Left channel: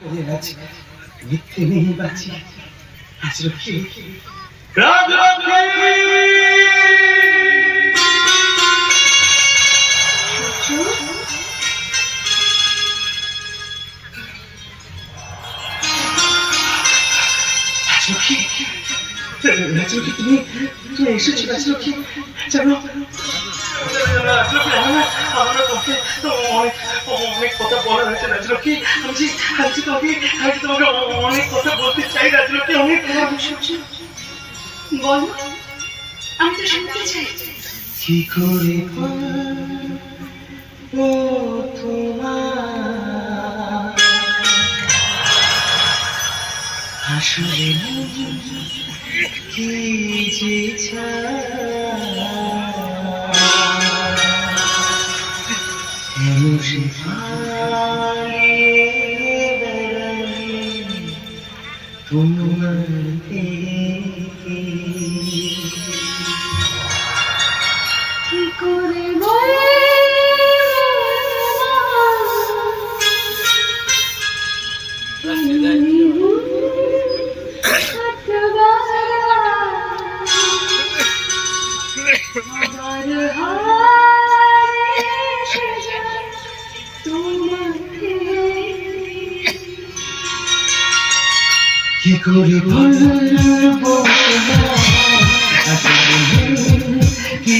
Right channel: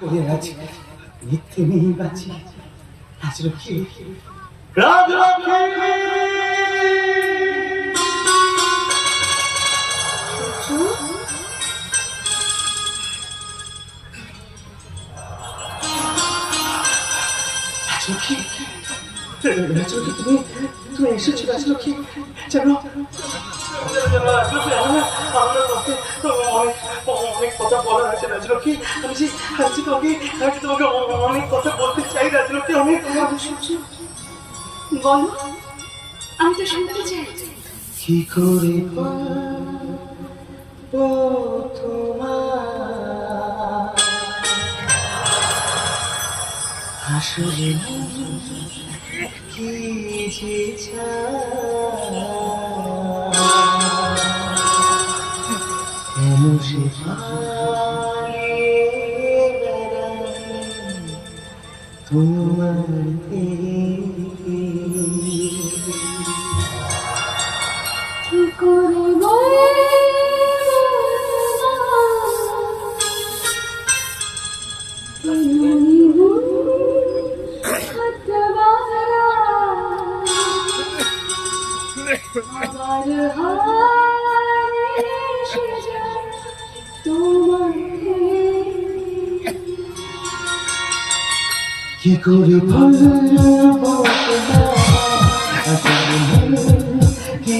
করে আছি মিথ্যে নেই বাঁচি। আজ রক্ষী। রাজলক্ষ্মী রাজলক্ষ্মী তুমি তুমি এসেছ রাজলক্ষ্মী জানো আমরা তোকে অনেক কথা বলা হয়েছে রাজলক্ষ্মী আমি যে আমি তোমাকে আমি যে তোমাকে অনেক কথা বলতে চাই রাজলক্ষ্মী অনেক বল আমি তো শুনতে চাই। কি করে তোমার? আসলে কি যে সে তোমার কি করে আমার হায় তোমাকে কি করে বলব? কি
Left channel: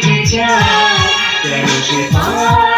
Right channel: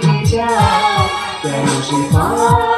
কি চায় কেন সে পারে